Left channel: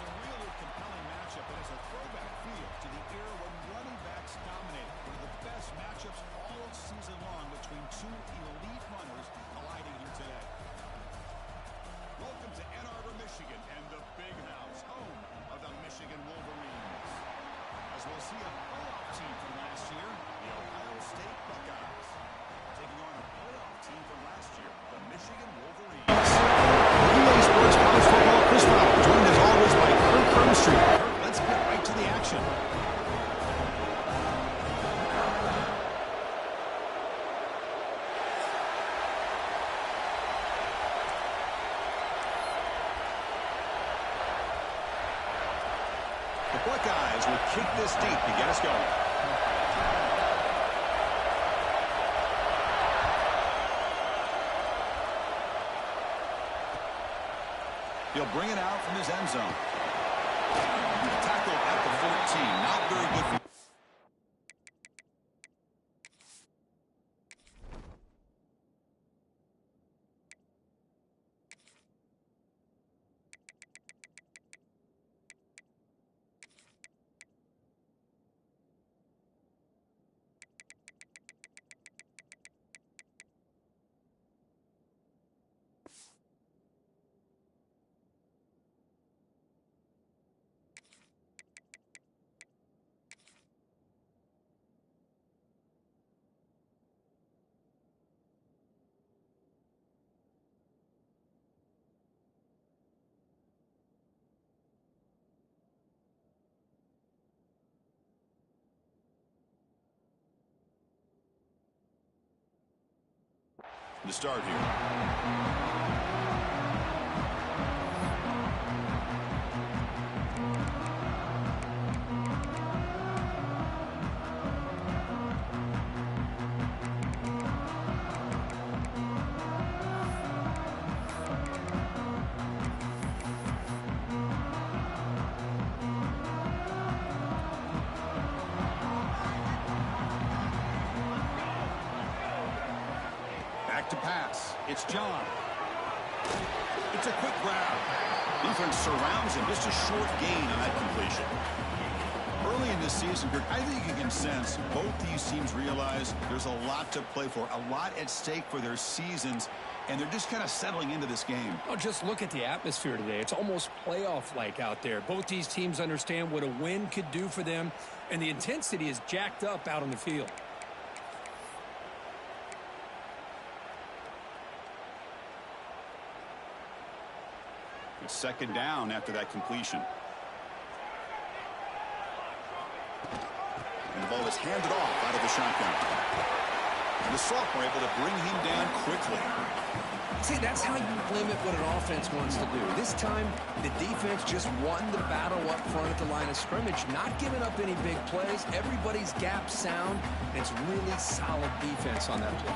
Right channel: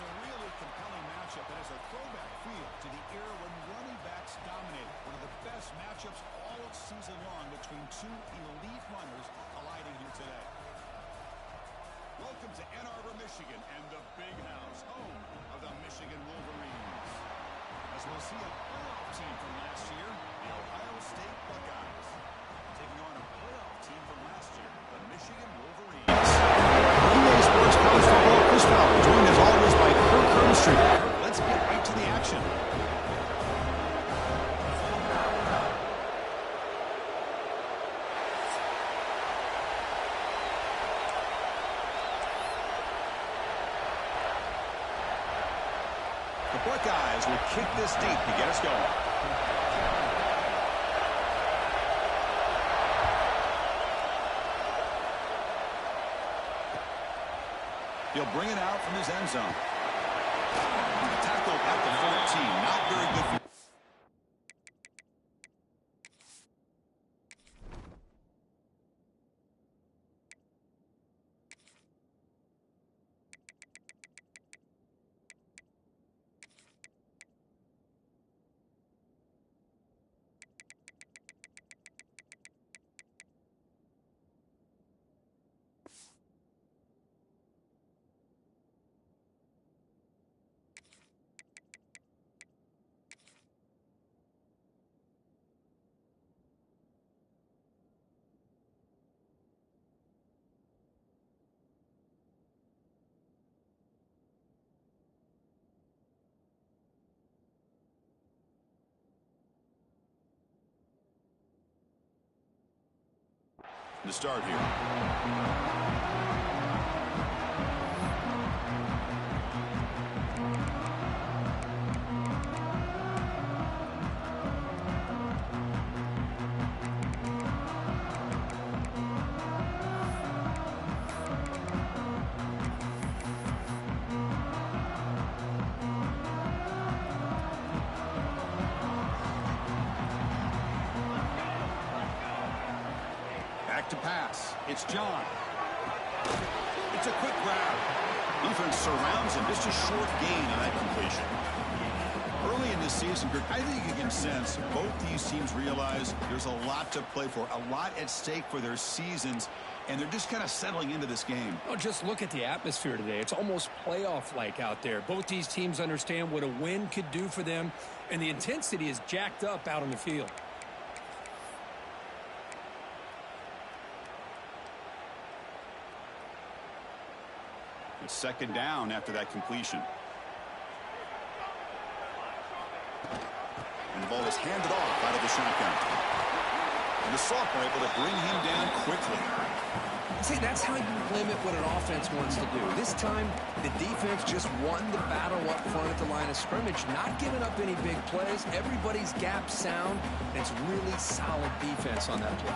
It's a really compelling matchup that has a throwback feel to the era when running backs dominated. One of the best matchups all season long between two elite runners colliding here today. Welcome to Ann Arbor, Michigan, and the Big House, home of the Michigan Wolverines. As we'll see a playoff team from last year, the Ohio State Buckeyes, taking on a playoff team from last year, the Michigan Wolverines. EA Sports College Football, Chris Fowler, joined as always by Kirk Herbstreit. Kirk, let's get right to the action. The Buckeyes will kick this deep to get us going. He'll bring it out from his end zone. Tackled at the 14. Not very good for... To start here. To pass. It's John. It's a quick grab. Defense surrounds him. Just a short gain on that completion. Early in this season, Kirk, I think you can sense both these teams realize there's a lot to play for, a lot at stake for their seasons, and they're just kind of settling into this game. Oh, just look at the atmosphere today. It's almost playoff-like out there. Both these teams understand what a win could do for them, and the intensity is jacked up out on the field. It's second down after that completion. And the ball is handed off out of the shotgun. And the sophomore able to bring him down quickly. See, that's how you limit what an offense wants to do. This time, the defense just won the battle up front at the line of scrimmage, not giving up any big plays. Everybody's gap sound, and it's really solid defense on that play.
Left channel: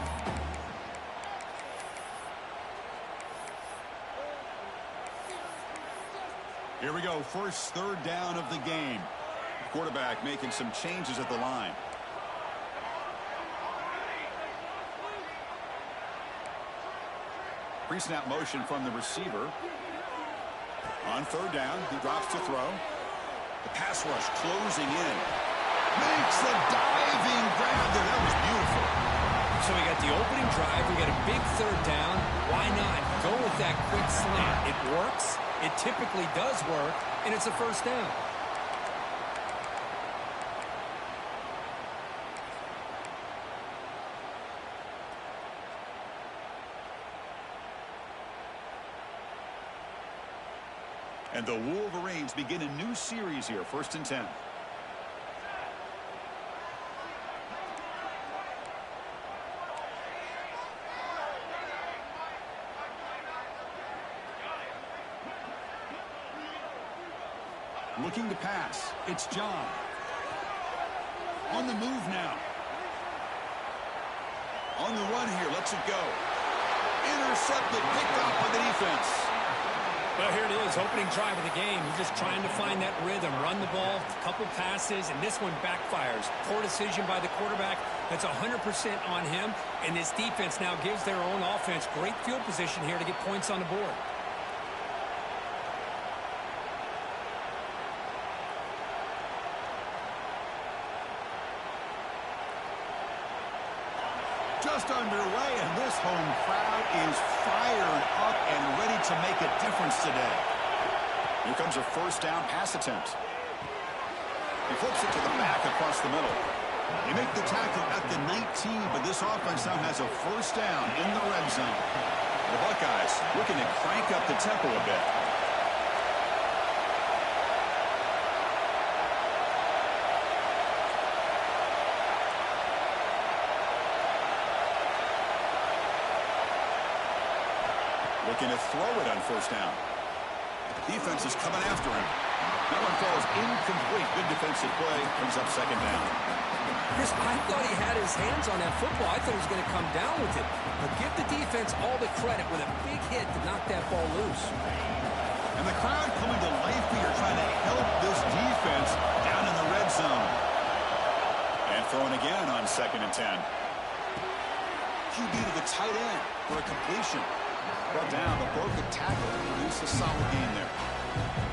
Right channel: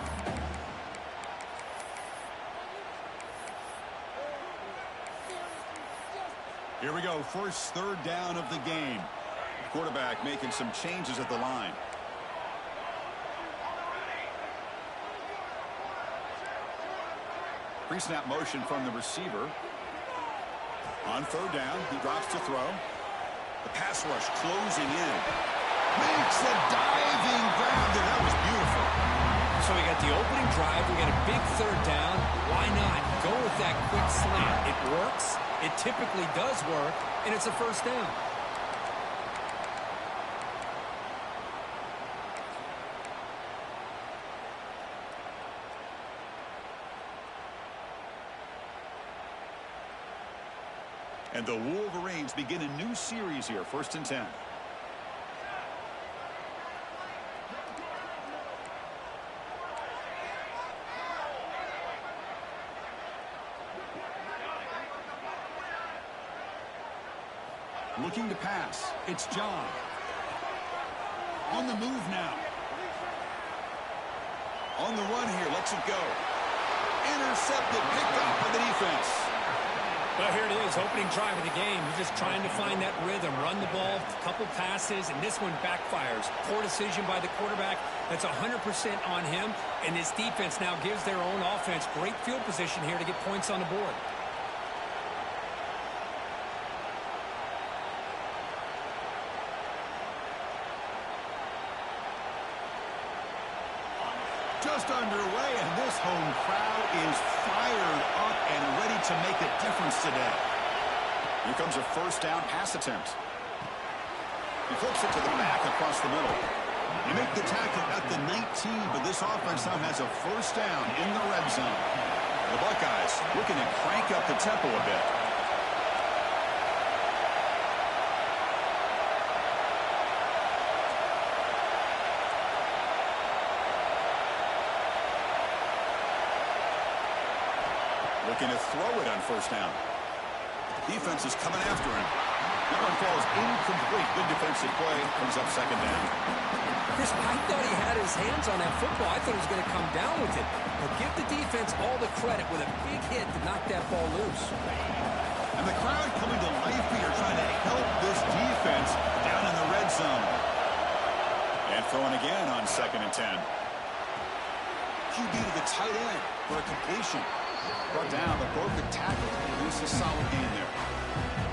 Here we go, first third down of the game. Quarterback making some changes at the line. Pre-snap motion from the receiver. On third down, he drops to throw. The pass rush closing in. Makes the diving grab there. That was beautiful. So we got the opening drive. We got a big third down. Why not go with that quick slant? It works. It typically does work, and it's a first down. And the Wolverines begin a new series here, 1st and 10. Looking to pass. It's John. On the move now. On the run here. Lets it go. Intercepted. Picked up by the defense. Well, here it is. Opening drive of the game. You're just trying to find that rhythm. Run the ball. A couple passes. And this one backfires. Poor decision by the quarterback. That's 100% on him. And this defense now gives their own offense great field position here to get points on the board. just underway, and this home crowd is fired up and ready to make a difference today. Here comes a first down pass attempt. He flips it to the back across the middle. They make the tackle at the 19, but this offense now has a first down in the red zone. The Buckeyes looking to crank up the tempo a bit. Looking to throw it on first down. Defense is coming after him. That one falls incomplete. Good defensive play. Brings up second down. Chris, I thought he had his hands on that football. I thought he was going to come down with it. But give the defense all the credit with a big hit to knock that ball loose. And the crowd coming to life here, trying to help this defense down in the red zone. And throwing again on 2nd and 10. QB to the tight end for a completion. Brought down, but broke the tackle to produce a solid gain there.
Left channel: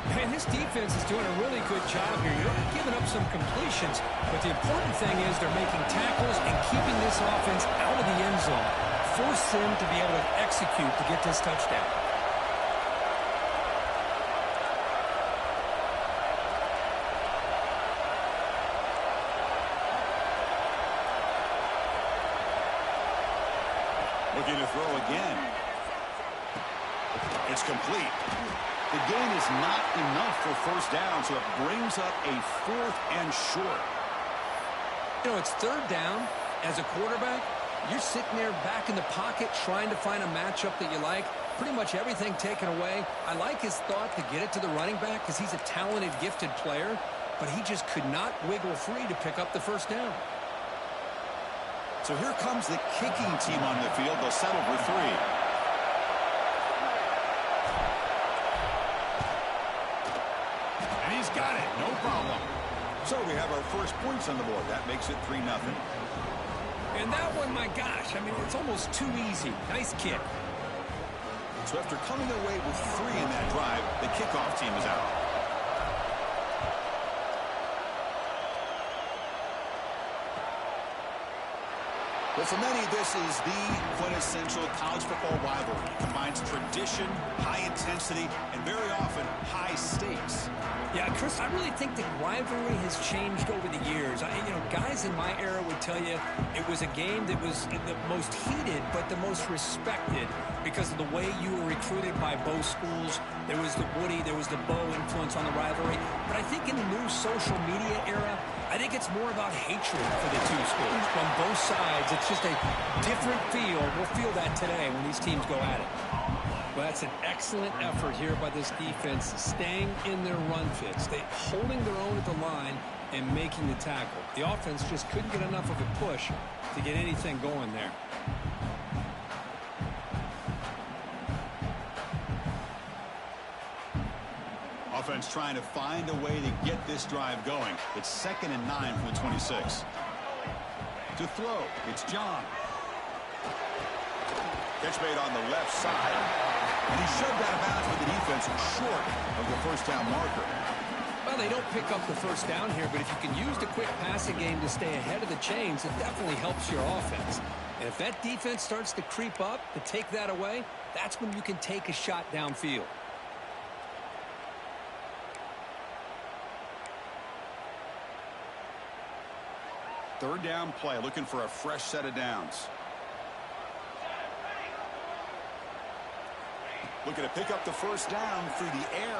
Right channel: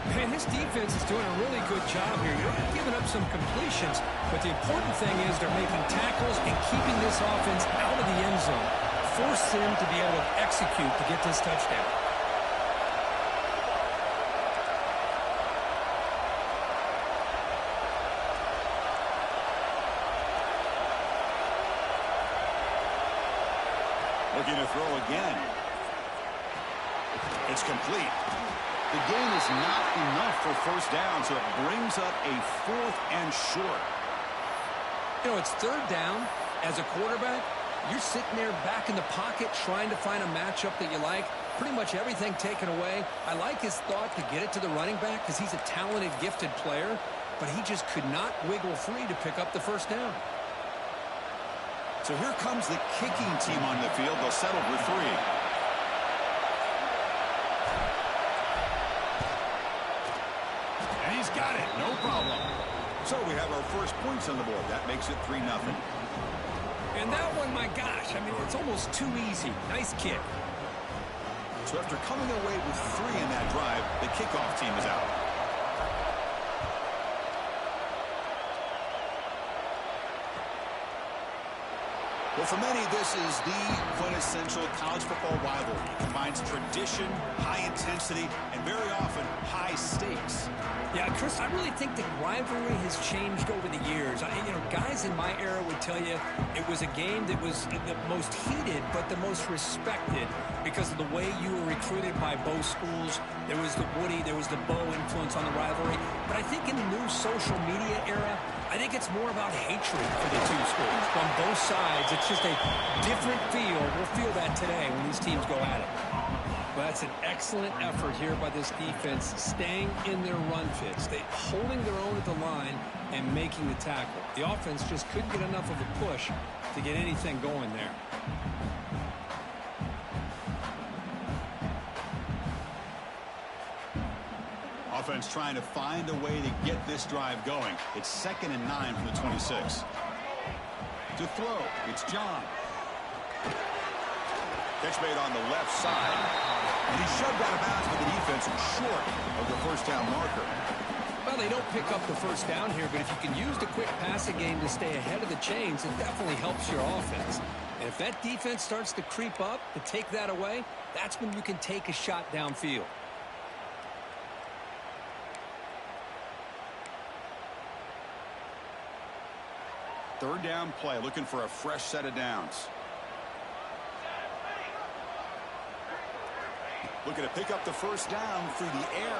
Man, this defense is doing a really good job here. You're not giving up some completions, but the important thing is they're making tackles and keeping this offense out of the end zone. Force them to be able to execute to get this touchdown. Looking to throw again. It's complete. The gain is not enough for first down, so it brings up a 4th and short. You know, it's 3rd down. As a quarterback, you're sitting there back in the pocket trying to find a matchup that you like. Pretty much everything taken away. I like his thought to get it to the running back because he's a talented, gifted player, but he just could not wiggle free to pick up the first down. So here comes the kicking team on the field. They'll settle for 3. And he's got it. No problem. So we have our first points on the board. That makes it 3-0. And that one, my gosh, I mean, it's almost too easy. Nice kick. So after coming away with 3 in that drive, the kickoff team is out. Well, for many, this is the quintessential college football rivalry. It combines tradition, high intensity, and very often high stakes. Yeah, Chris, I really think the rivalry has changed over the years. Guys in my era would tell you it was a game that was the most heated but the most respected because of the way you were recruited by both schools. There was the Woody, there was the Bo influence on the rivalry. But I think in the new social media era, I think it's more about hatred for the two schools. From both sides, it's just a different feel. We'll feel that today when these teams go at it. Well, that's an excellent effort here by this defense, staying in their run fits. They holding their own at the line and making the tackle. The offense just couldn't get enough of a push to get anything going there. Offense trying to find a way to get this drive going. It's 2nd and 9 from the 26. To throw, it's John. Catch made on the left side. And he shoved out of bounds with the defense short of the first down marker. Well, they don't pick up the first down here, but if you can use the quick passing game to stay ahead of the chains, it definitely helps your offense. And if that defense starts to creep up to take that away, that's when you can take a shot downfield. Third down play, looking for a fresh set of downs. Looking to pick up the first down through the air.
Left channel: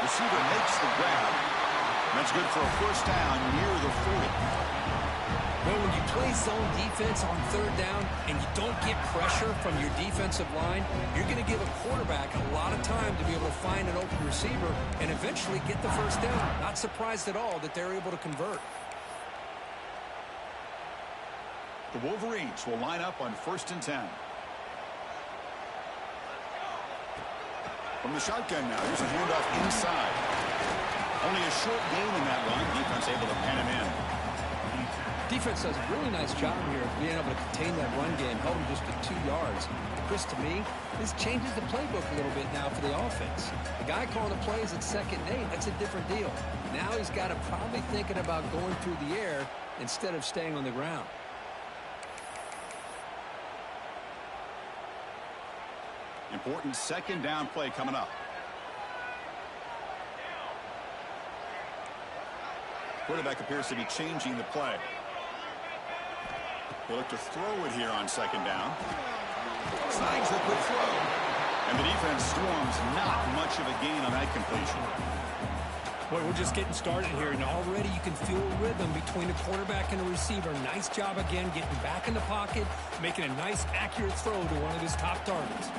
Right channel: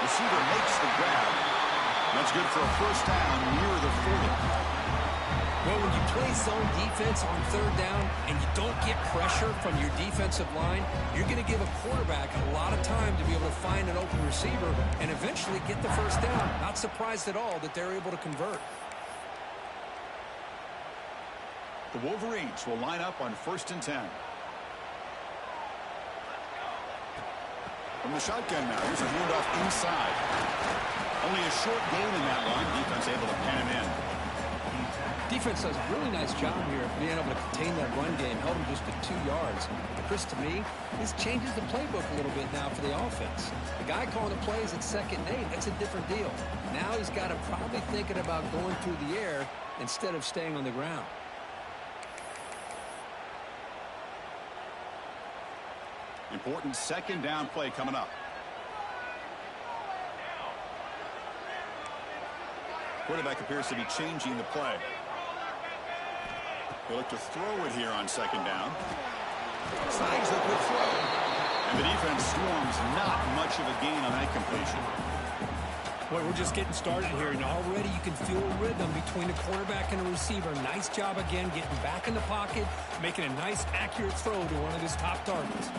Receiver makes the grab. That's good for a first down near the 40. Well, when you play zone defense on third down and you don't get pressure from your defensive line, you're going to give a quarterback a lot of time to be able to find an open receiver and eventually get the first down. Not surprised at all that they're able to convert. The Wolverines will line up on 1st and 10. From the shotgun now, here's a handoff inside. Only a short gain in that run. Defense able to pen him in. Defense does a really nice job here of being able to contain that run game, held him just to 2 yards. Chris, to me, this changes the playbook a little bit now for the offense. The guy calling the plays at 2nd and 8, that's a different deal. Now he's got to probably thinking about going through the air instead of staying on the ground. Important second down play coming up. Quarterback appears to be changing the play. He'll look to throw it here on second down. Snags the quick throw. And the defense swarms, not much of a gain on that completion. Boy, we're just getting started here, and already you can feel a rhythm between the quarterback and the receiver. Nice job again getting back in the pocket, making a nice, accurate throw to one of his top targets.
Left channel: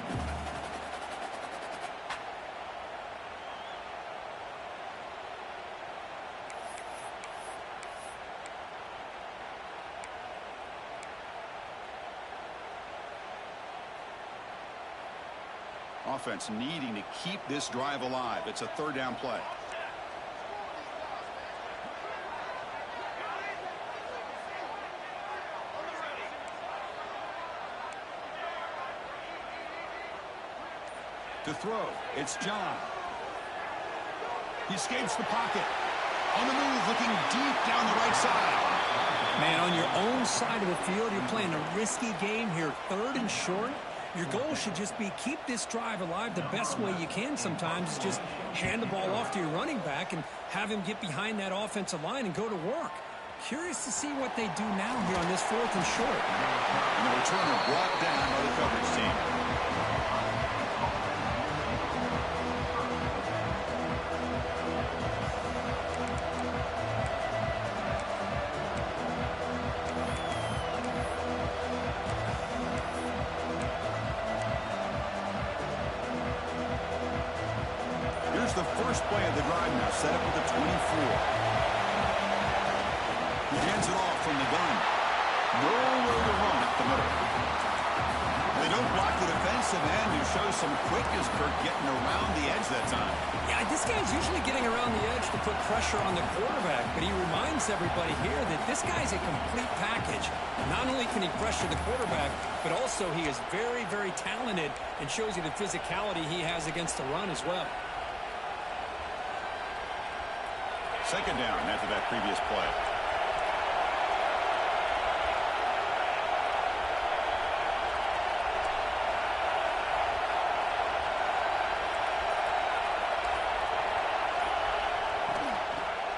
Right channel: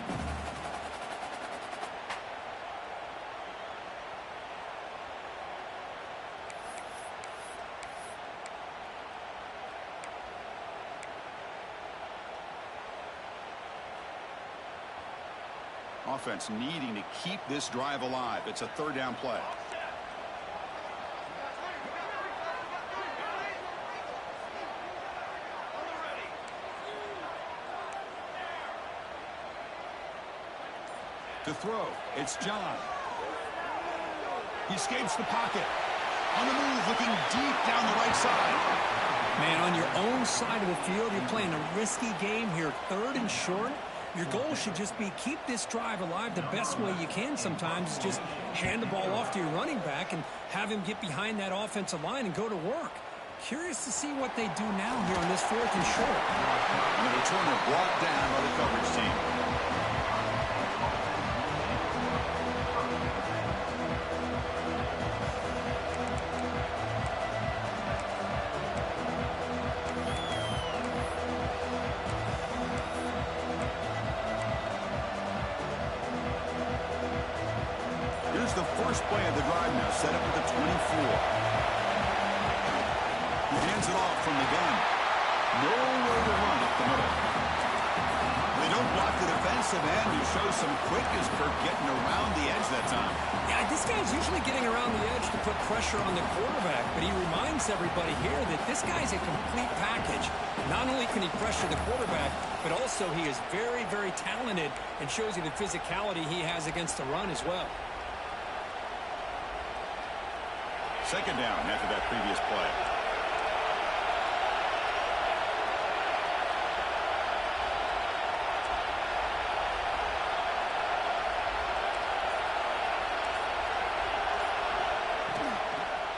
Offense needing to keep this drive alive. It's a third down play. To throw, it's John. He escapes the pocket. On the move, looking deep down the right side. Man, on your own side of the field, you're playing a risky game here. Third and short. Your goal should just be keep this drive alive the best way you can sometimes. Just hand the ball off to your running back and have him get behind that offensive line and go to work. Curious to see what they do now here on this fourth and short. And the returner brought down by the coverage team. Here's the first play of the drive now, set up at the 24. He hands it off from the gun. Nowhere to run up the middle. They don't block the defensive end, who shows some quickness for getting around the edge that time. Yeah, this guy's usually getting around the edge to put pressure on the quarterback, but he reminds everybody here that this guy's a complete package. Not only can he pressure the quarterback, but also he is very, very talented and shows you the physicality he has against the run as well. Second down after that previous play.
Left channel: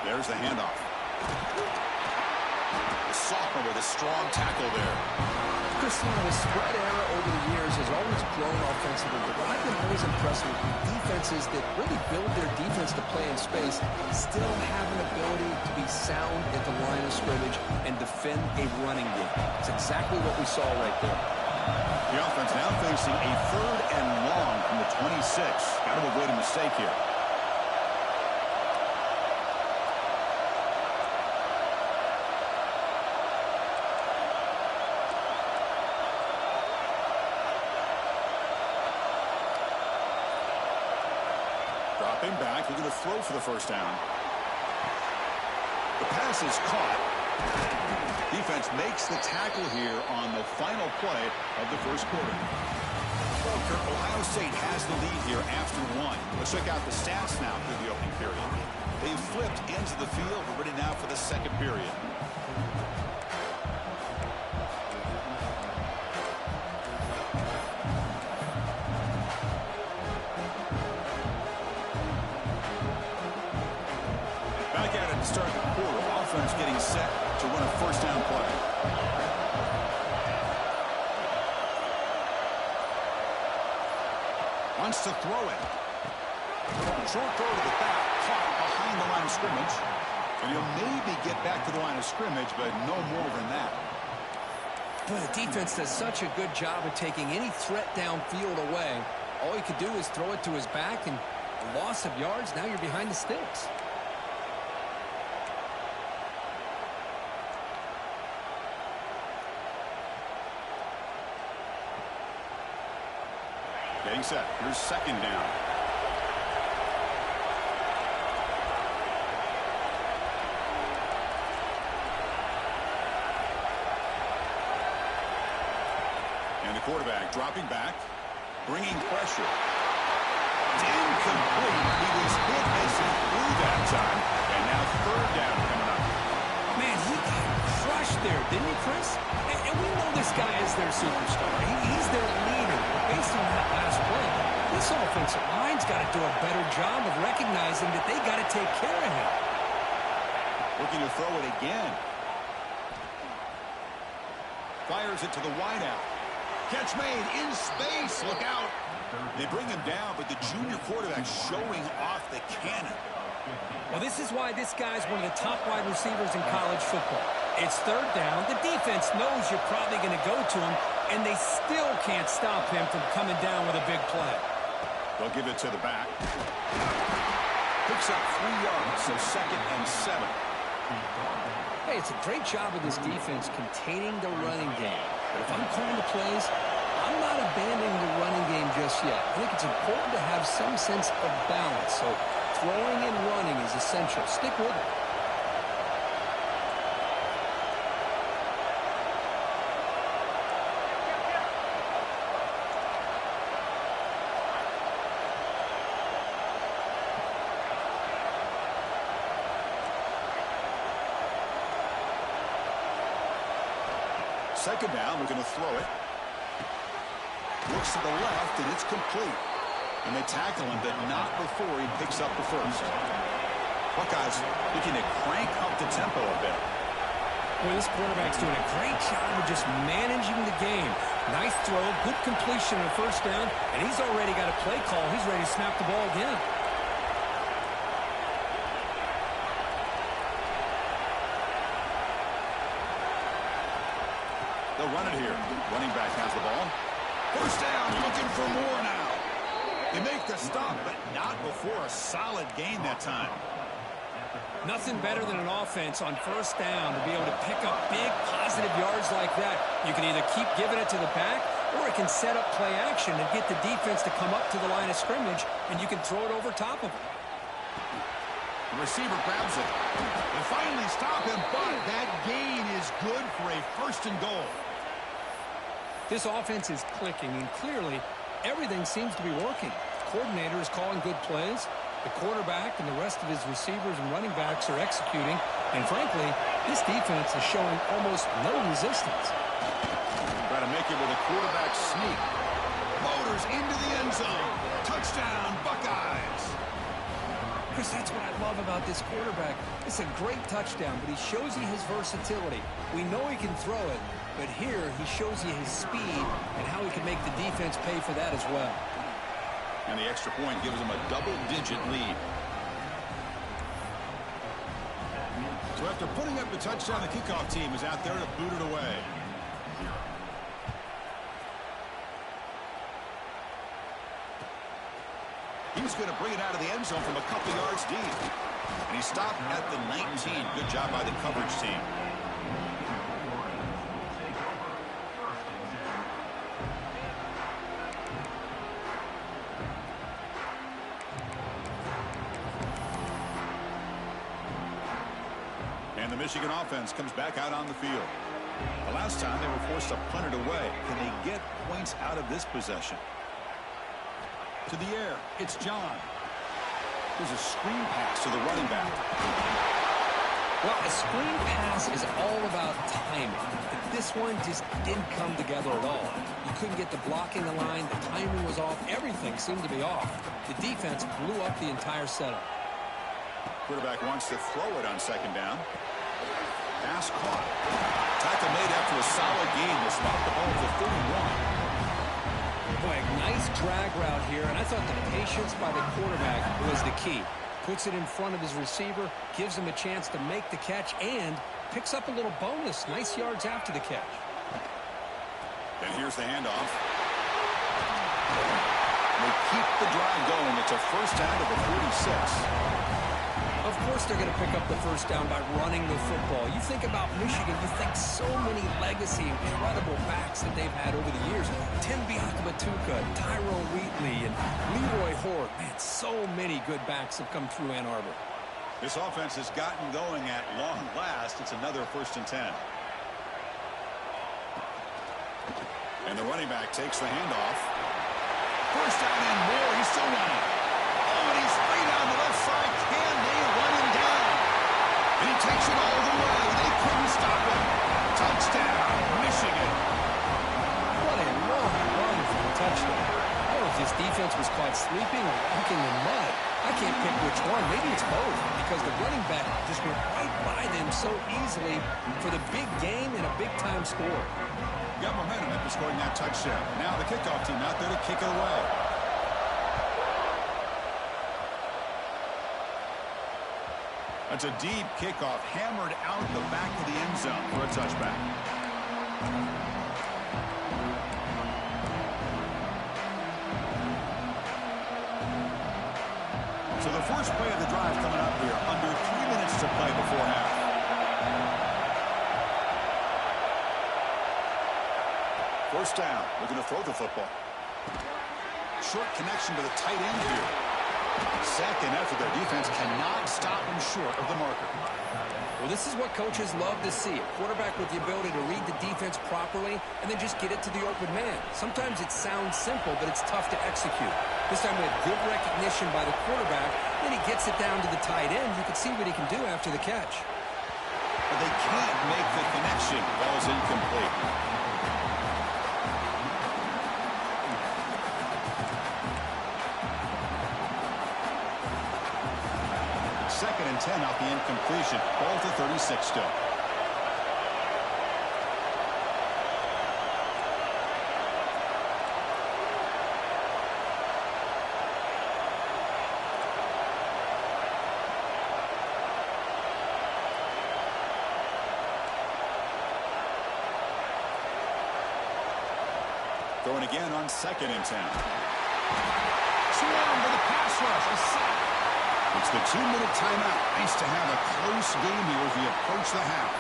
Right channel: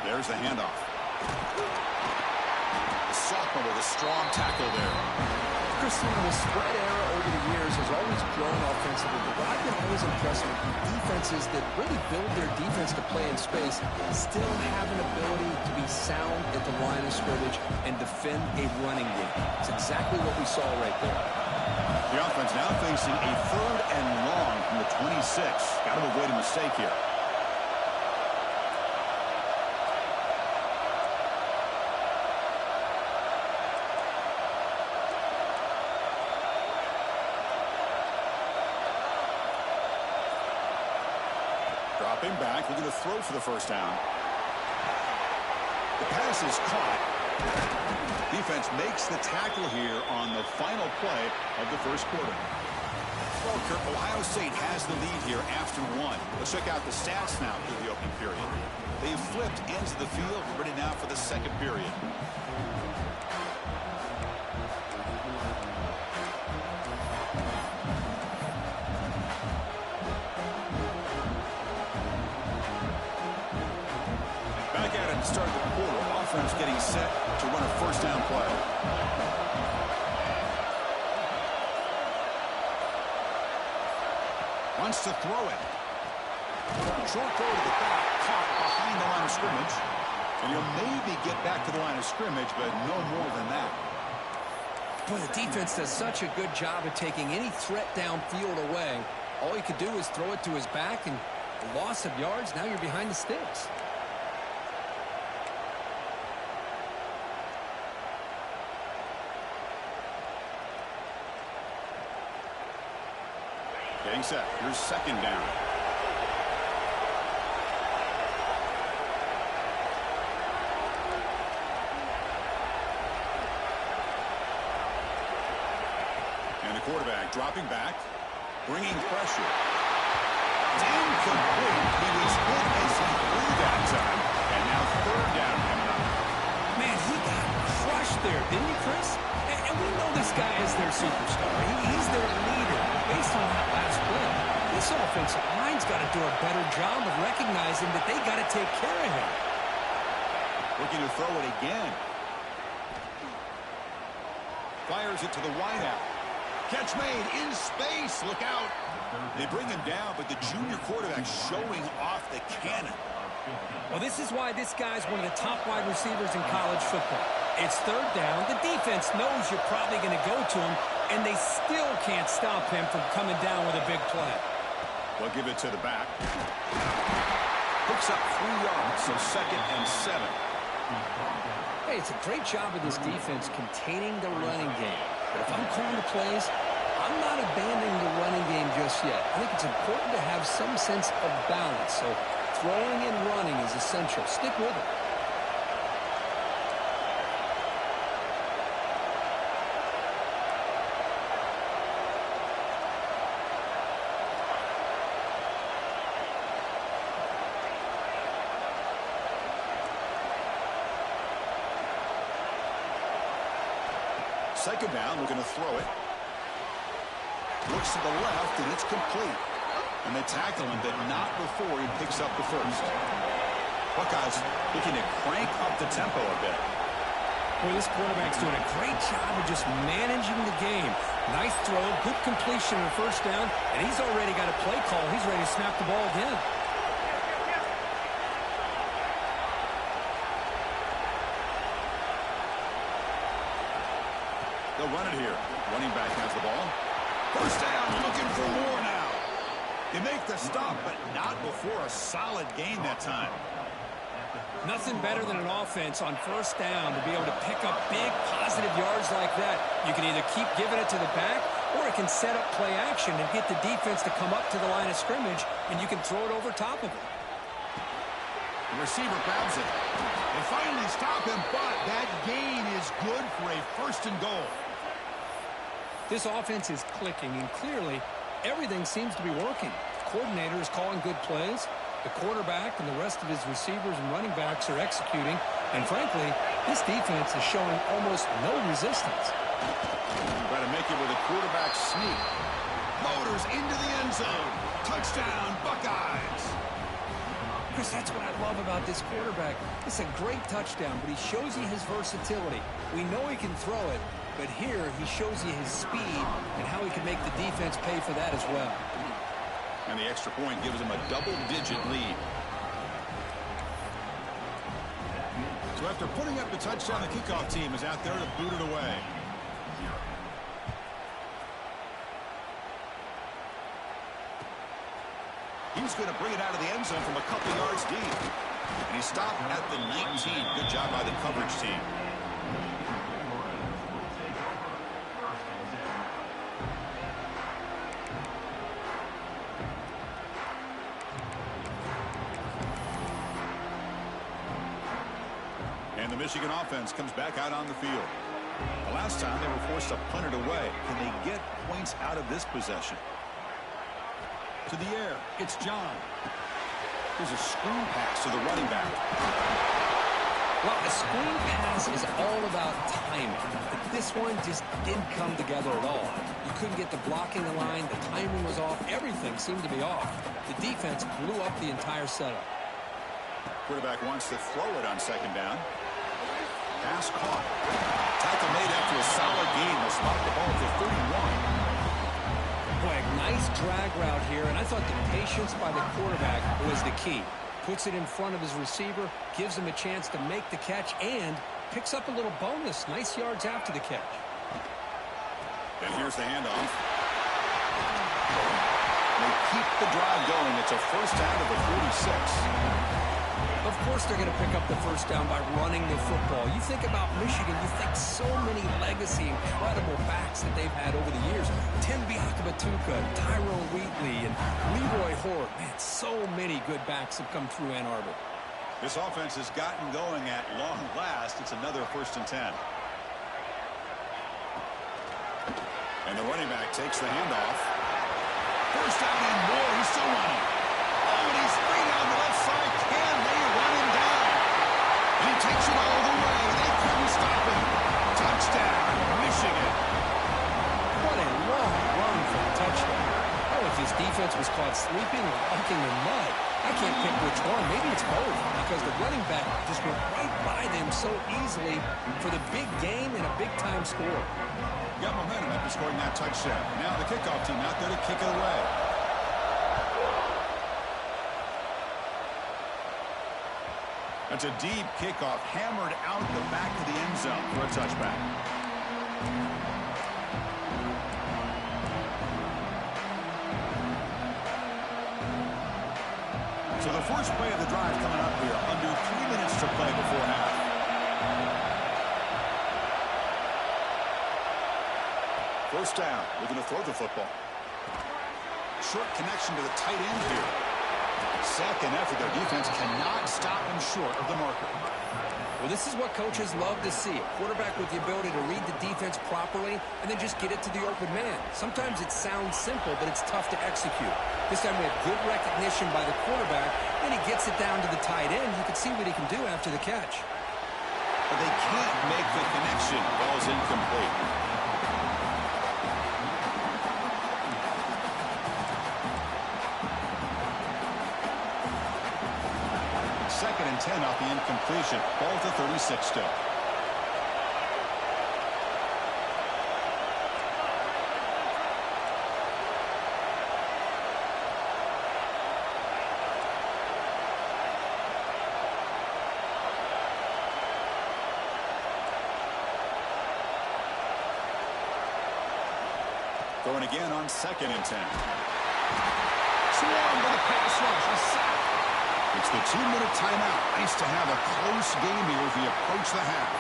There's the handoff. The sophomore with a strong tackle there. Christian, the spread era over the years has always grown offensively, but what I've been always impressed with defenses that really build their defense to play in space still have an ability to be sound at the line of scrimmage and defend a running game. It's exactly what we saw right there. The offense now facing a third and long from the 26. Got to avoid a mistake here. Dropping back, looking to throw for the first down. The pass is caught. Defense makes the tackle here on the final play of the first quarter. Well, Kirk, Ohio State has the lead here after one. Let's check out the stats now through the opening period. They've flipped ends of the field. We're ready now for the second period. Back at it to start the quarter. Offense getting set to run a first down play. Wants to throw it. Short throw to the back, caught behind the line of scrimmage. And he'll maybe get back to the line of scrimmage, but no more than that. Boy, the defense does such a good job of taking any threat downfield away. All he could do is throw it to his back, and a loss of yards, now you're behind the sticks. Getting set. Here's second down. And the quarterback dropping back, bringing pressure. It's incomplete. He was hit as he threw that time. And now third down coming up. Man, he got crushed there, didn't he, Chris? And we know this guy is their superstar. He's their leader. But based on that last play, this offensive line's got to do a better job of recognizing that they got to take care of him. Looking to throw it again. Fires it to the wideout. Catch made in space. Look out. They bring him down, but the junior quarterback showing off the cannon. Well, this is why this guy's one of the top wide receivers in college football. It's third down. The defense knows you're probably going to go to him, and they still can't stop him from coming down with a big play. They'll give it to the back. Picks up 3 yards, so 2nd and 7. Hey, it's a great job of this defense containing the running game. But if I'm calling the plays, I'm not abandoning the running game just yet. I think it's important to have some sense of balance. So throwing and running is essential. Stick with it. Second down, we're going to throw it. Looks to the left, and it's complete. And they tackle him, but not before he picks up the first. Buckeyes looking to crank up the tempo a bit. Boy, this quarterback's doing a great job of just managing the game. Nice throw, good completion on first down, and he's already got a play call. He's ready to snap the ball again. They'll run it here. Running back has the ball. First down, looking for more now. They make the stop, but not before a solid gain that time. Nothing better than an offense on first down to be able to pick up big positive yards like that. You can either keep giving it to the back, or it can set up play action and get the defense to come up to the line of scrimmage, and you can throw it over top of it. The receiver grabs it. They finally stop him, but that gain is good for a 1st and goal. This offense is clicking, and clearly everything seems to be working. The coordinator is calling good plays. The quarterback and the rest of his receivers and running backs are executing. And frankly, this defense is showing almost no resistance. Try to make it with a quarterback sneak. Motors into the end zone. Touchdown, Buckeyes. Chris, that's what I love about this quarterback. It's a great touchdown, but he shows you his versatility. We know he can throw it, but here he shows you his speed and how he can make the defense pay for that as well. And the extra point gives him a double-digit lead. So after putting up the touchdown, the kickoff team is out there to boot it away. He's going to bring it out of the end zone from a couple yards deep. And he stopped at the 19. Good job by the coverage team. And the Michigan offense comes back out on the field. The last time they were forced to punt it away. Can they get points out of this possession? To the air, it's John. There's a screen pass to the running back. Well, a screen pass is all about timing. But this one just didn't come together at all. You couldn't get the blocking line. The timing was off. Everything seemed to be off. The defense blew up the entire setup. Quarterback wants to throw it on 2nd down. Pass caught. Tackle made after a solid gain. They'll spot the ball at the 31. Boy, a nice drag route here, and I thought the patience by the quarterback was the key. Puts it in front of his receiver, gives him a chance to make the catch, and picks up a little bonus. Nice yards after the catch. And here's the handoff. They keep the drive going. It's a first down to the 46. Of course they're going to pick up the first down by running the football. You think about Michigan, you think so many legacy, incredible backs that they've had over the years. Tim Biakabatuka, Tyrone Wheatley, and Leroy Horde. Man, so many good backs have come through Ann Arbor. This offense has gotten going at long last. It's another 1st and 10. And the running back takes the handoff. First down and more. He's still running. Oh, and he's free down the left side. Can they run him down? And he takes it all the way. They couldn't stop him. Touchdown, Michigan. What a long run for the touchdown. I don't know if his defense was caught sleeping or walking in mud. I can't pick which one. Maybe it's both, because the running back just went right by them so easily for the big gain and a big-time score. Got momentum after scoring that touchdown. Now the kickoff team out there to kick it away. That's a deep kickoff, hammered out the back of the end zone for a touchback. So the first play of the drive coming up here, under 3 minutes to play before half. First down, looking to throw the football. Short connection to the tight end here. Second effort, their defense cannot stop him short of the marker. Well, this is what coaches love to see. A quarterback with the ability to read the defense properly and then just get it to the open man. Sometimes it sounds simple, but it's tough to execute. This time we have good recognition by the quarterback. Then he gets it down to the tight end. You can see what he can do after the catch. But they can't make the connection. Ball's incomplete. Second and 10 off the incompletion. Ball to 36 still. Throwing again on second and 10. Swarm with a pass rush. A sack. It's the 2-minute timeout. Nice to have a close game here as we approach the half.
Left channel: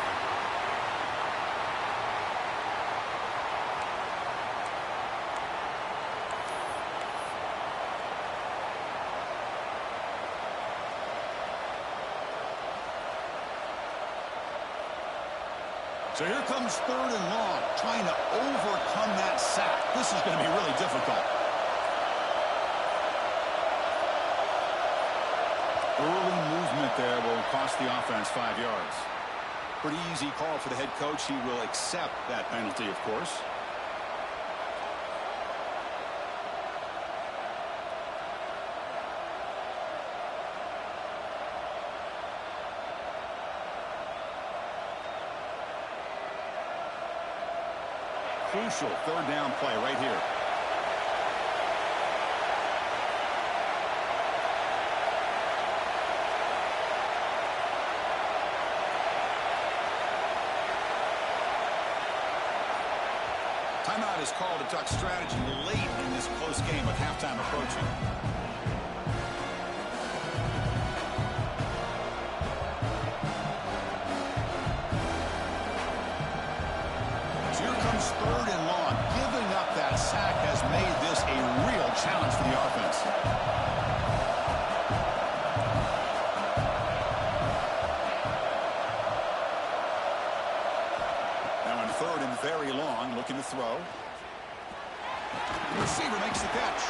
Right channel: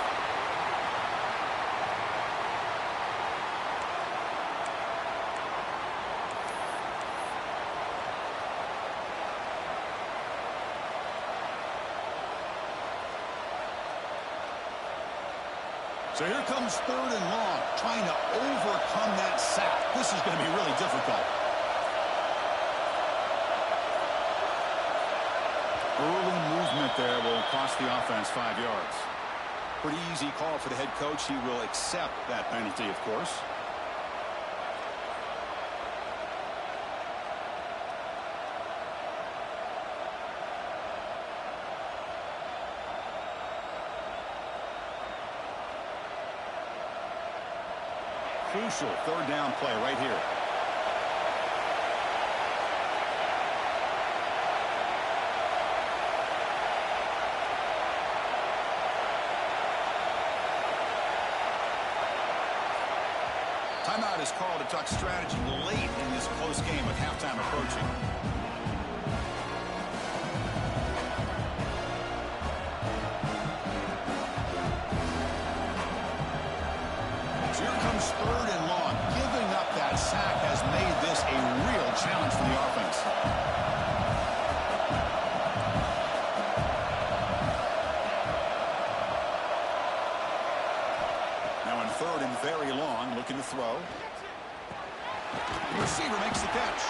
So here comes third and long, trying to overcome that sack. This is going to be really difficult. Early movement there will cost the offense 5 yards. Pretty easy call for the head coach. He will accept that penalty, of course. Crucial third down play right here. Timeout is called to talk strategy late in this close game with halftime approaching. So here comes third and long. Giving up that sack has made this a real challenge for the offense. Third and very long, looking to throw. The receiver makes the catch.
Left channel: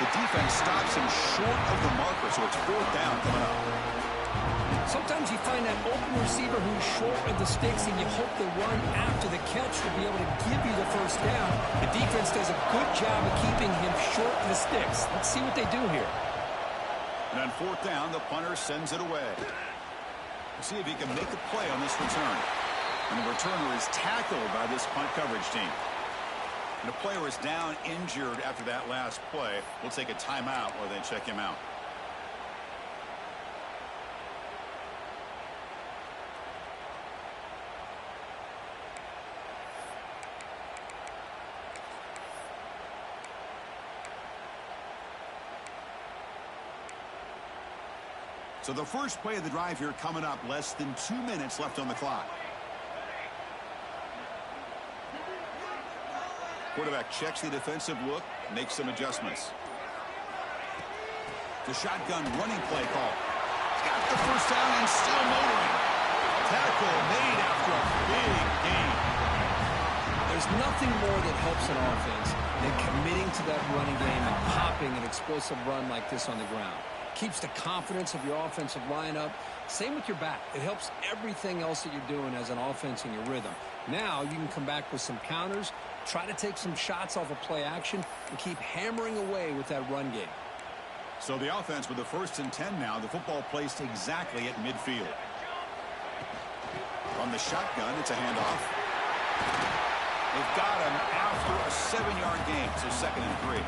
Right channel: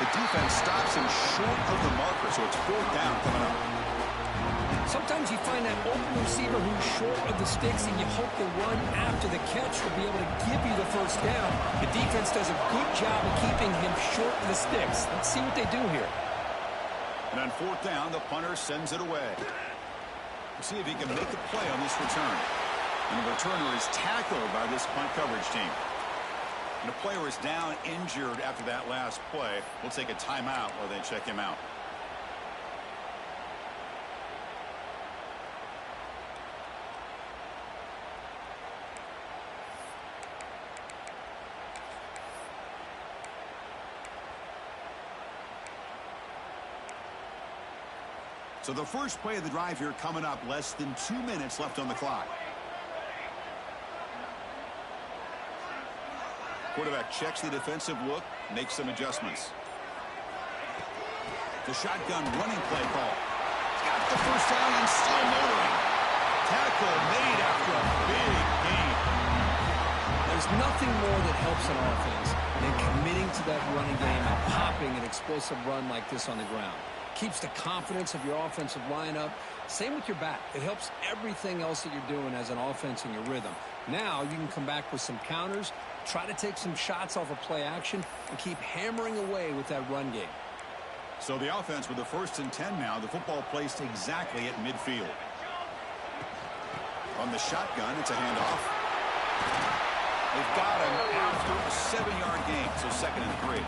The defense stops him short of the marker, so it's fourth down coming up. Sometimes you find that open receiver who's short of the sticks, and you hope the run after the catch will be able to give you the first down. The defense does a good job of keeping him short of the sticks. Let's see what they do here. And on fourth down, the punter sends it away. We'll see if he can make a play on this return. And the returner is tackled by this punt coverage team. And a player is down injured after that last play. We'll take a timeout while they check him out. So the first play of the drive here coming up, less than 2 minutes left on the clock. Quarterback checks the defensive look, makes some adjustments. The shotgun running play call. He's got the first down and still motoring. Tackle made after a big gain. There's nothing more that helps an offense than committing to that running game and popping an explosive run like this on the ground. Keeps the confidence of your offensive line up. Same with your back. It helps everything else that you're doing as an offense in your rhythm. Now you can come back with some counters, try to take some shots off of play action, and keep hammering away with that run game. So the offense with the 1st and 10 now. The football placed exactly at midfield. From the shotgun, it's a handoff. They've got him after a 7-yard gain, so 2nd and 3.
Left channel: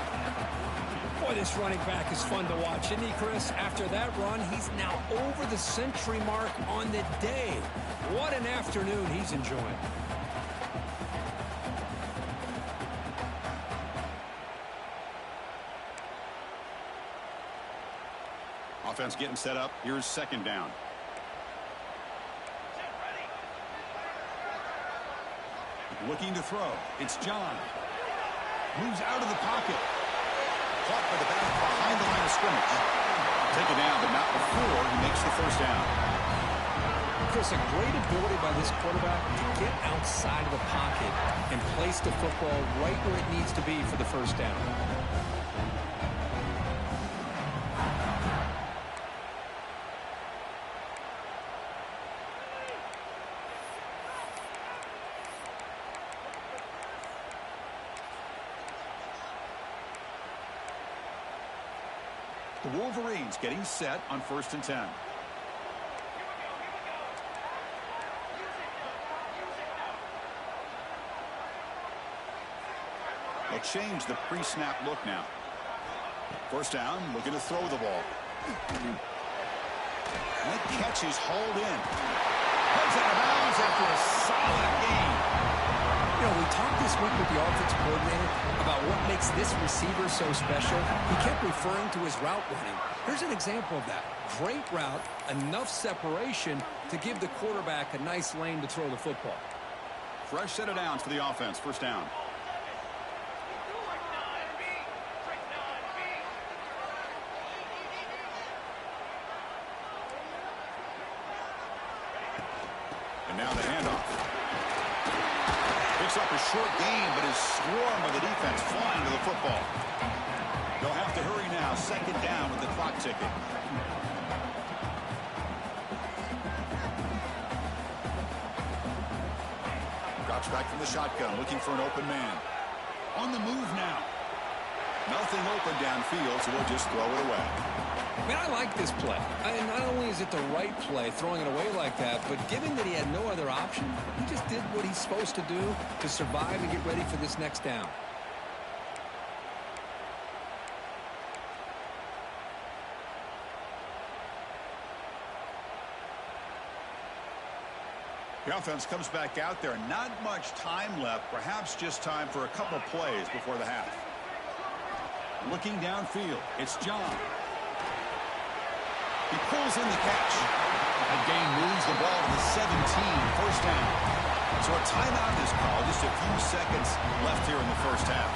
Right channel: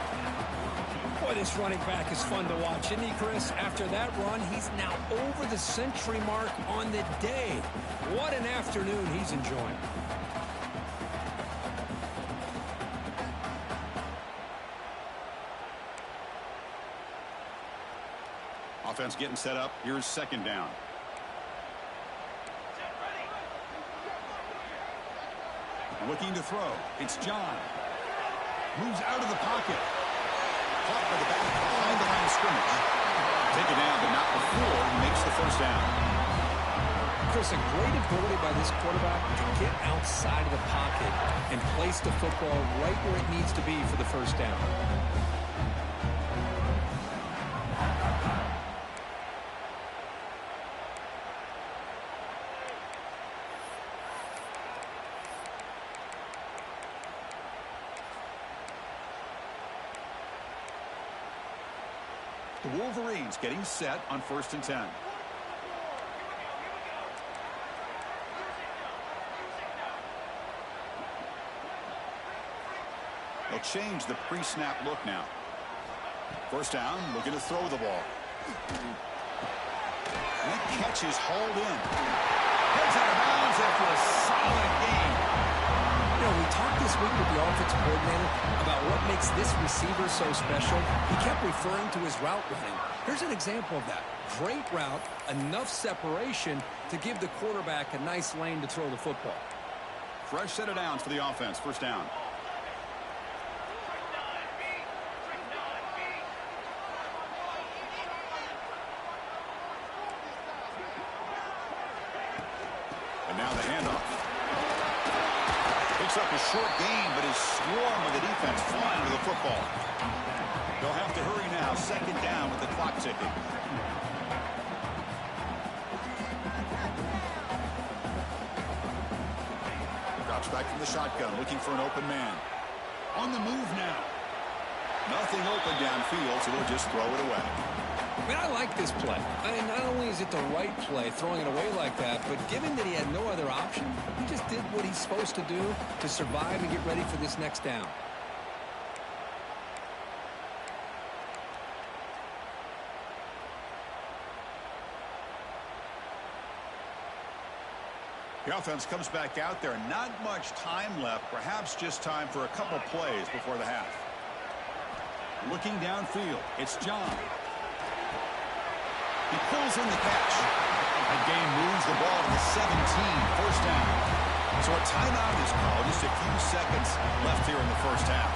Boy, this running back is fun to watch, isn't he, Chris? After that run, he's now over the century mark on the day. What an afternoon he's enjoying. Offense getting set up. Here's 2nd down. Looking to throw. It's John. Moves out of the pocket. Caught by the back behind the line of scrimmage. Taken down, but not before he makes the 1st down. Chris, a great ability by this quarterback to get outside of the pocket and place the football right where it needs to be for the 1st down. The Wolverines getting set on 1st and 10. They'll change the pre-snap look now. 1st down, looking to throw the ball. And that catch is hauled in. Heads out of bounds after a solid gain. You know, we talked this week with the offensive coordinator about what makes this receiver so special. He kept referring to his route running. Here's an example of that. Great route, enough separation to give the quarterback a nice lane to throw the football. Fresh set of downs for the offense. 1st down. And now the handoff. Picks up a short gain, but is swarmed with the defense flying to the football. They'll have to hurry now. 2nd down with the clock ticking. Drops back from the shotgun, looking for an open man. On the move now. Nothing open downfield, so we'll just throw it away. I mean, I like this play. And not only is it the right play, throwing it away like that, but given that he had no other option, he just did what he's supposed to do to survive and get ready for this next down. The offense comes back out there. Not much time left. Perhaps just time for a couple plays before the half. Looking downfield, it's John. He pulls in the catch. That gain moves the ball to the 17, 1st down. So a timeout is called. Just a few seconds left here in the 1st half.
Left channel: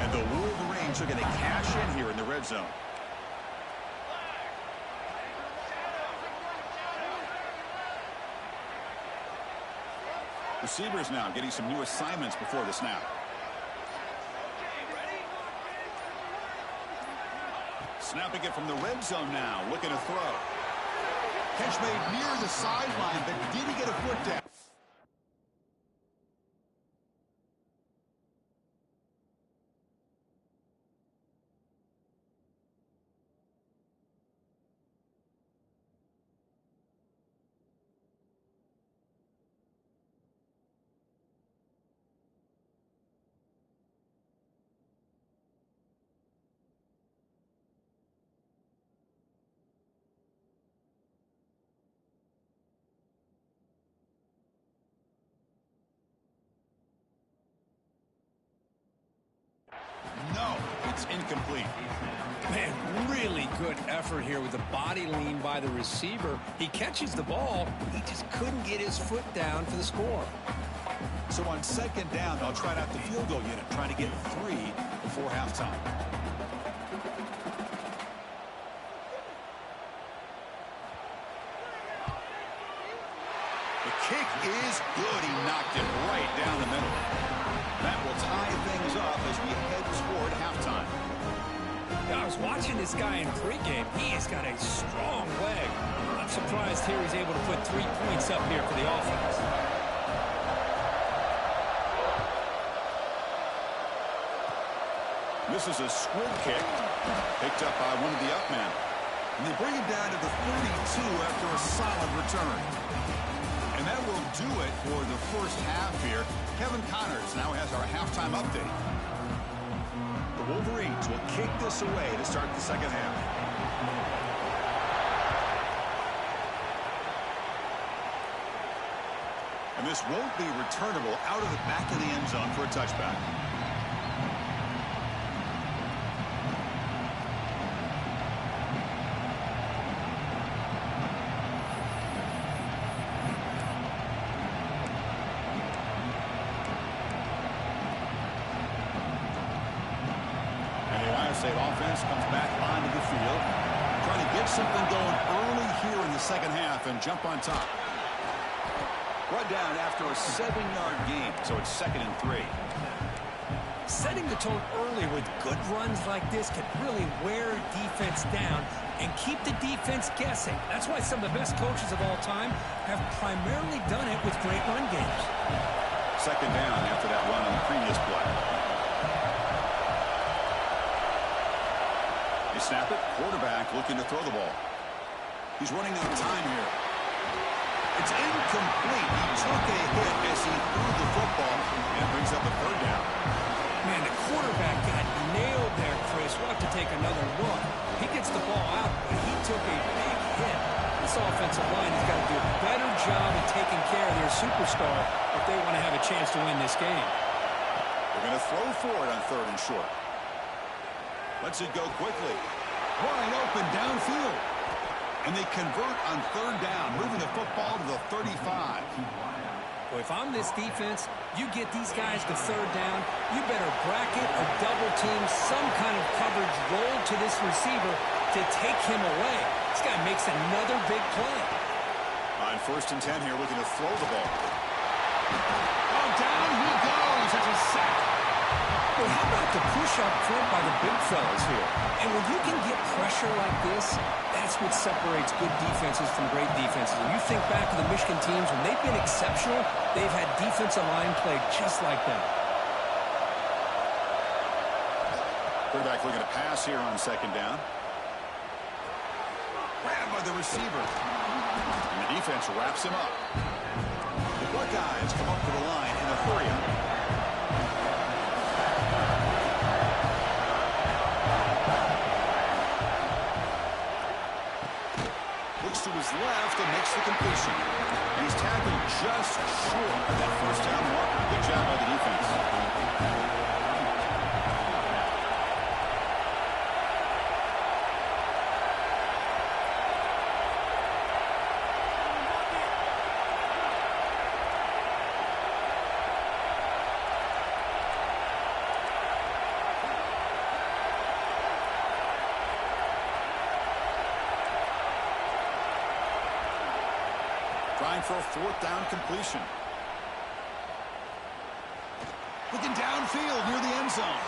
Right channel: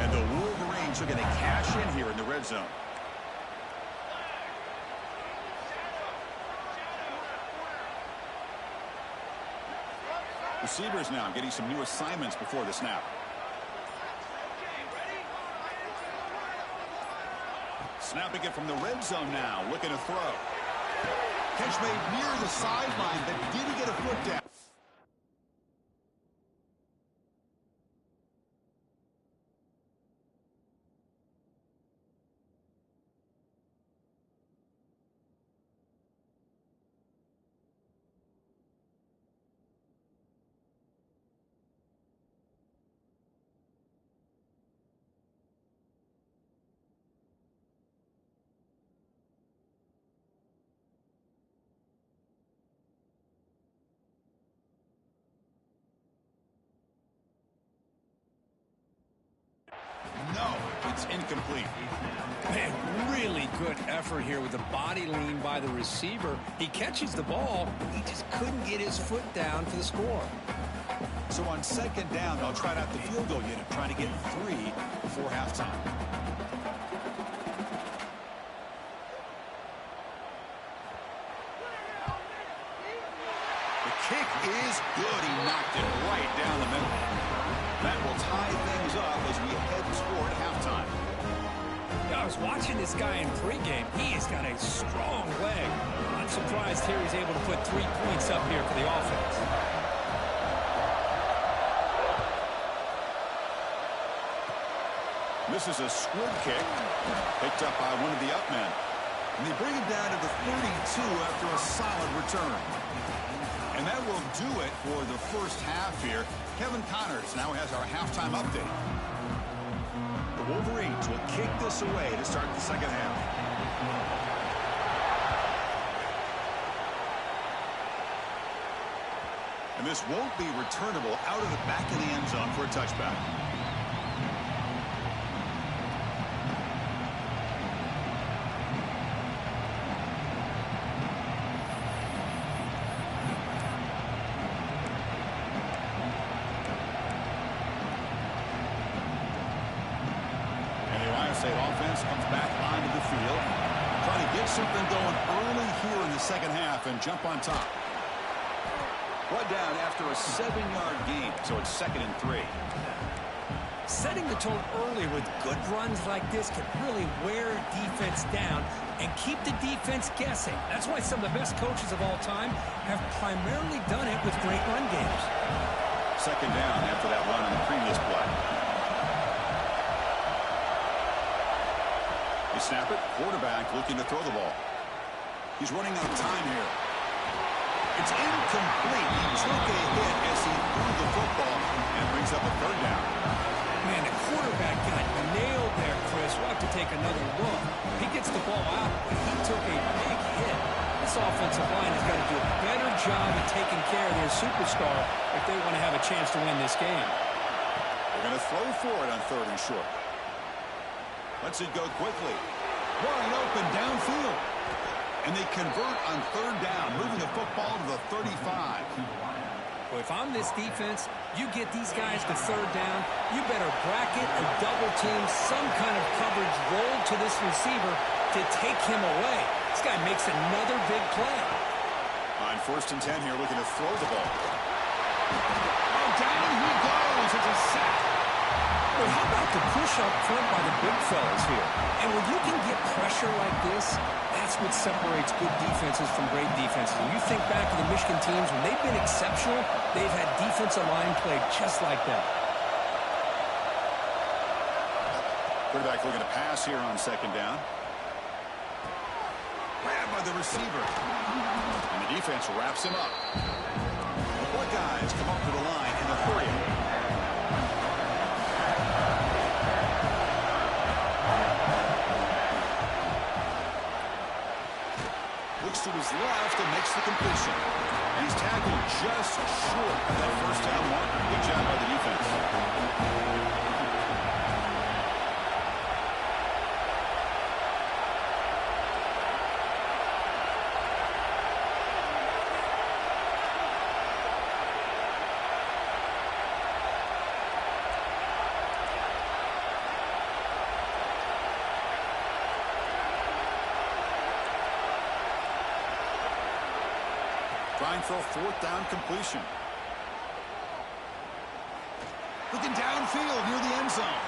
And the Wolverines are going to cash in here in the red zone. Receivers now getting some new assignments before the snap. Snapping it from the red zone now, looking to throw. Catch made near the sideline, but did he get a foot down? No, it's incomplete. Man, really good effort here with the body lean by the receiver. He catches the ball. He just couldn't get his foot down for the score. So on 2nd down, they'll try out the field goal unit, trying to get 3 before halftime. The kick is good. He knocked it right down the middle. That will tie things up as we head toward halftime. Yeah, I was watching this guy in pregame. He has got a strong leg. I'm surprised here he's able to put 3 points up here for the offense. This is a squib kick, picked up by one of the up men. And they bring him down to the 32 after a solid return. And that will do it for the first half here. Kevin Connors now has our halftime update. The Wolverines will kick this away to start the second half. And this won't be returnable out of the back of the end zone for a touchback. State offense comes back onto the field, trying to get something going early here in the second half and jump on top. Brought down after a 7-yard gain, so it's 2nd and 3. Setting the tone early with good runs like this can really wear defense down and keep the defense guessing. That's why some of the best coaches of all time have primarily done it with great run games. 2nd down after that run on the previous play. They snap it. Quarterback looking to throw the ball. He's running out of time here. It's incomplete. He took a hit as he threw the football, and it brings up a 3rd down. Man, the quarterback got nailed there, Chris. We'll have to take another look. He gets the ball out, but he took a big hit. This offensive line has got to do a better job of taking care of their superstar if they want to have a chance to win this game. They're going to throw for it on 3rd and short. Lets it go quickly. Wide open downfield. And they convert on 3rd down, moving the football to the 35. Well, if I'm this defense, you get these guys to 3rd down, you better bracket or double team some kind of coverage roll to this receiver to take him away. This guy makes another big play. On 1st and 10 here, looking to throw the ball. Oh, down he goes. It's a sack. Well, how about the push up front by the big fellas here? And when you can get pressure like this, that's what separates good defenses from great defenses. And you think back to the Michigan teams, when they've been exceptional, they've had defensive line play just like that. Quarterback looking to pass here on 2nd down. Grabbed by the receiver. And the defense wraps him up. The Buckeyes come up to the line in a hurry. To his left and makes the completion. And he's tackled just short of that 1st down marker. Good job by the defense. Trying for a 4th down completion. Looking downfield near the end zone.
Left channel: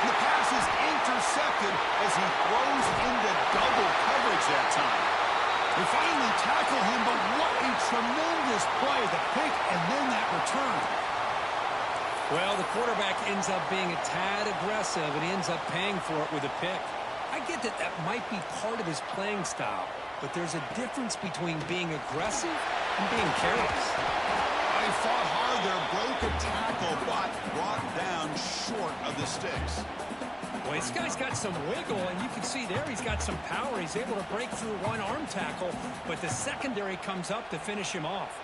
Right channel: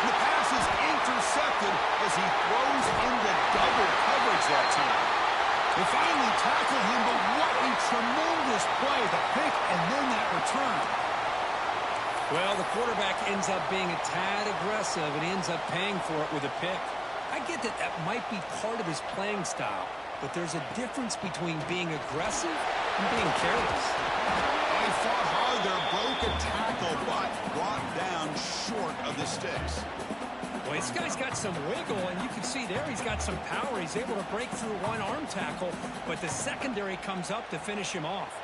And the pass is intercepted as he throws into double coverage that time. They finally tackle him, but what a tremendous play. The pick and then that return. Well, the quarterback ends up being a tad aggressive and ends up paying for it with a pick. I get that that might be part of his playing style, but there's a difference between being aggressive and being careless. He fought hard there, broke a tackle, but brought down short of the sticks. Well, this guy's got some wiggle, and you can see there he's got some power. He's able to break through one arm tackle, but the secondary comes up to finish him off.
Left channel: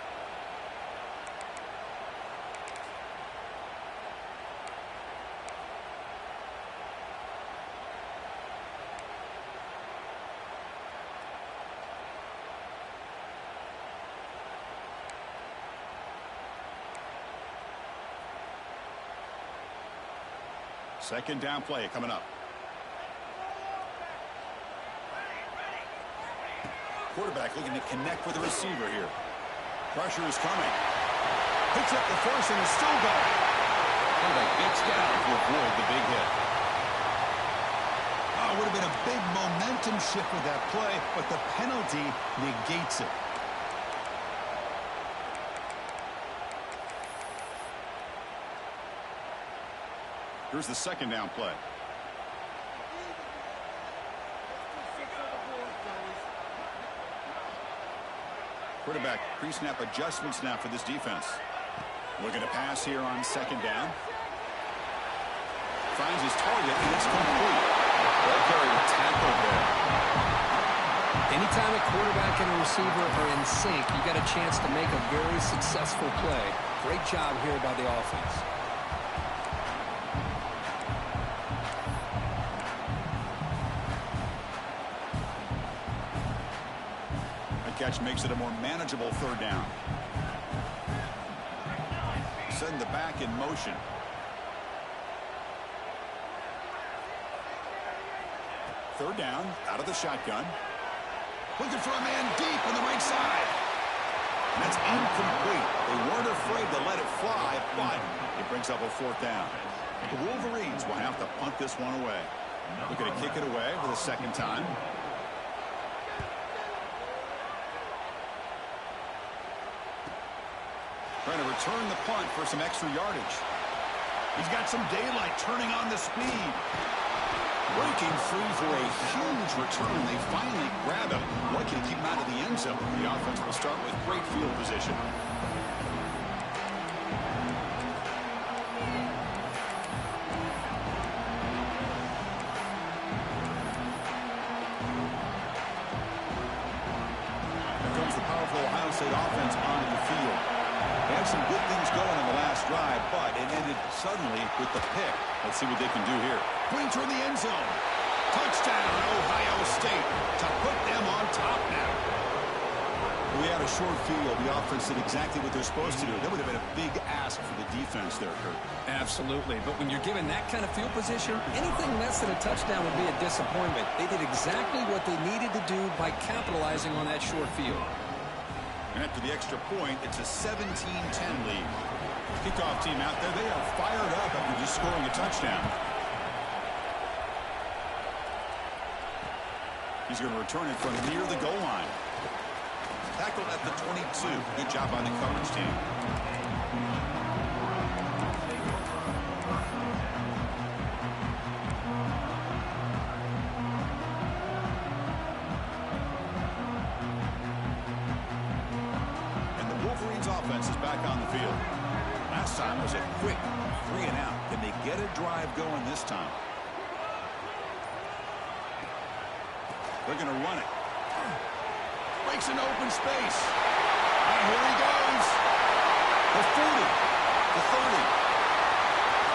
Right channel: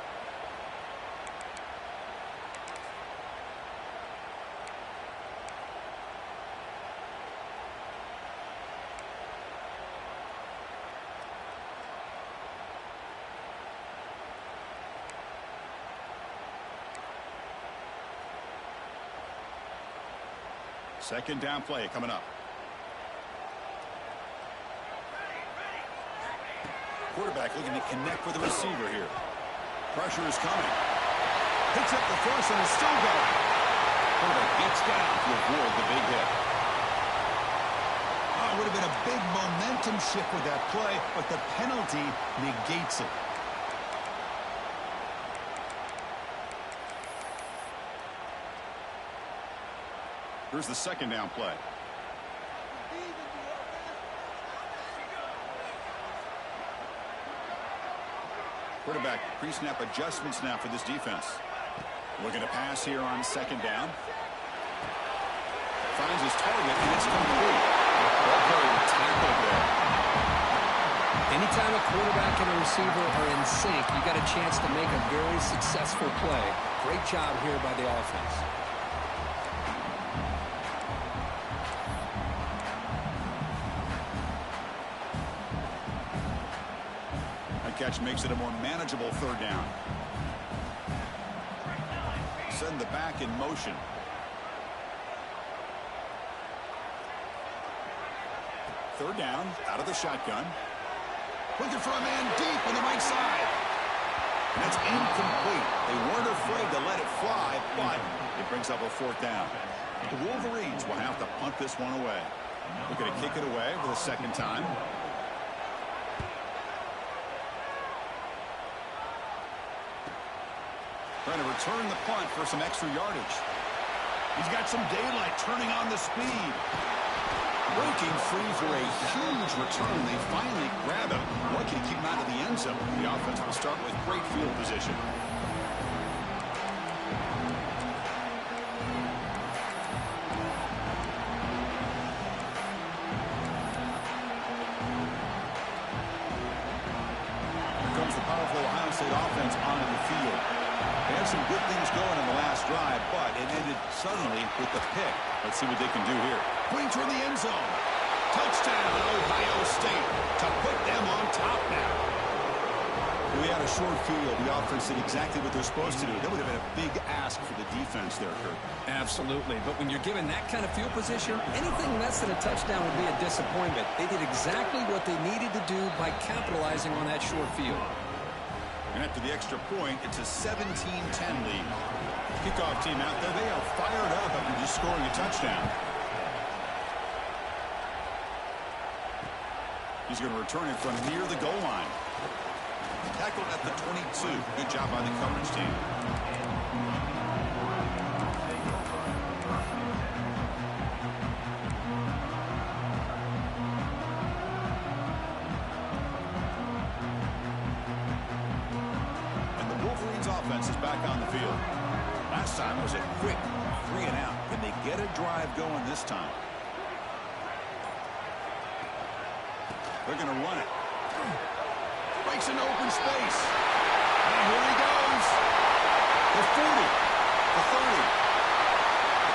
Second down play coming up. Quarterback looking to connect with the receiver here. Pressure is coming. Picks up the first and is still going. Quarterback gets down to avoid the big hit. Oh, it would have been a big momentum shift with that play, but the penalty negates it. Here's the second down play. Quarterback pre-snap adjustments now for this defense. Looking to pass here on second down. Finds his target, and it's complete. Ball carrier tackled there. Anytime a quarterback and a receiver are in sync, you got a chance to make a very successful play. Great job here by the offense. That catch makes it a more manageable third down. Send the back in motion. Third down, out of the shotgun. Looking for a man deep on the right side. And that's incomplete. They weren't afraid to let it fly, but it brings up a fourth down. The Wolverines will have to punt this one away. Looking to kick it away for the second time. Trying to return the punt for some extra yardage. He's got some daylight, turning on the speed. Breaking free for a huge return. They finally grab him. Lucky to keep him out of the end zone. The offense will start with great field position. Here comes the powerful Ohio State offense onto the field. They had some good things going in the last drive, but it ended suddenly with the pick. Let's see what they can do here. Going toward the end zone. Touchdown, Ohio State, to put them on top now. We had a short field. The offense did exactly what they're supposed to do. That would have been a big ask for the defense there, Kurt. Absolutely. But when you're given that kind of field position, anything less than a touchdown would be a disappointment. They did exactly what they needed to do by capitalizing on that short field. And after the extra point, it's a 17-10 lead. Kickoff team out there, they are fired up after just scoring a touchdown. He's going to return it from near the goal line. Tackled at the 22. Good job by the coverage team. Offense is back on the field. Last time was a quick 3 and out. Can they get a drive going this time? They're going to run it. Breaks an open space. And here he goes. The 40. The 30.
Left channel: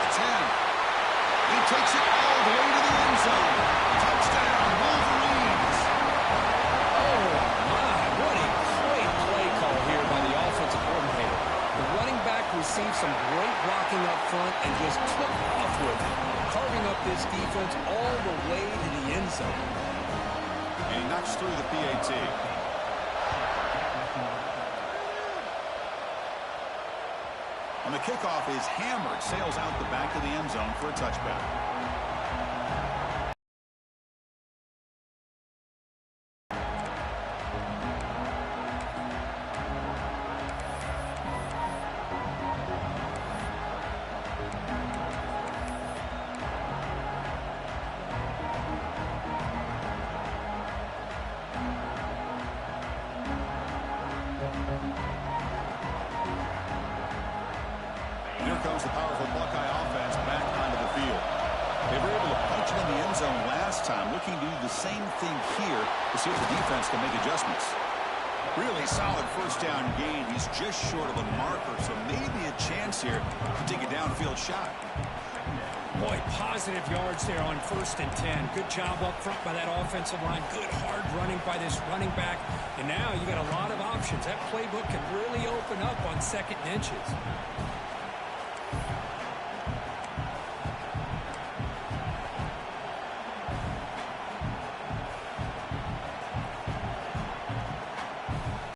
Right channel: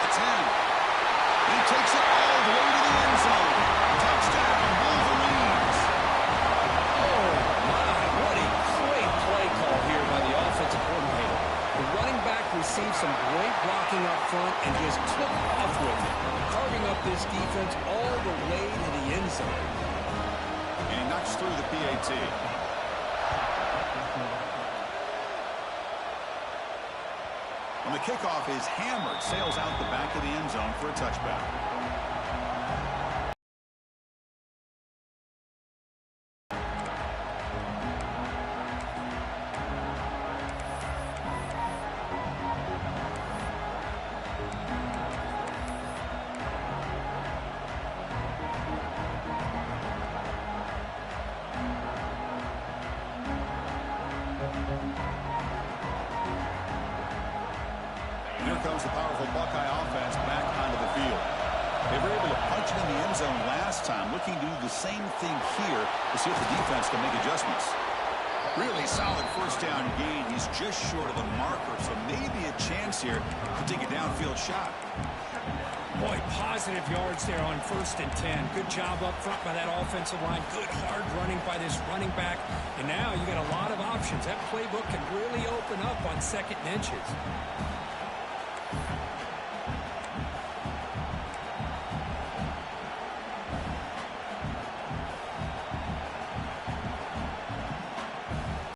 The 10. He takes it all the way to the end zone. Touchdown, Wolverines. Oh, my. What a great play call here by the offensive coordinator. The running back received some great blocking up front and just took off with it, carving up this defense all the way to the end zone. And he knocks through the PAT. On the kickoff is hammered, sails out the back of the end zone for a touchback. Here comes the powerful Buckeye offense back onto the field. They were able to punch it in the end zone last time, looking to do the same thing here to see if the defense can make adjustments. Really solid first down gain. He's just short of the marker, so maybe a chance here to take a downfield shot. Boy, positive yards there on 1st and 10. Good job up front by that offensive line. Good hard running by this running back. And now you got a lot of options. That playbook can really open up on 2nd and inches.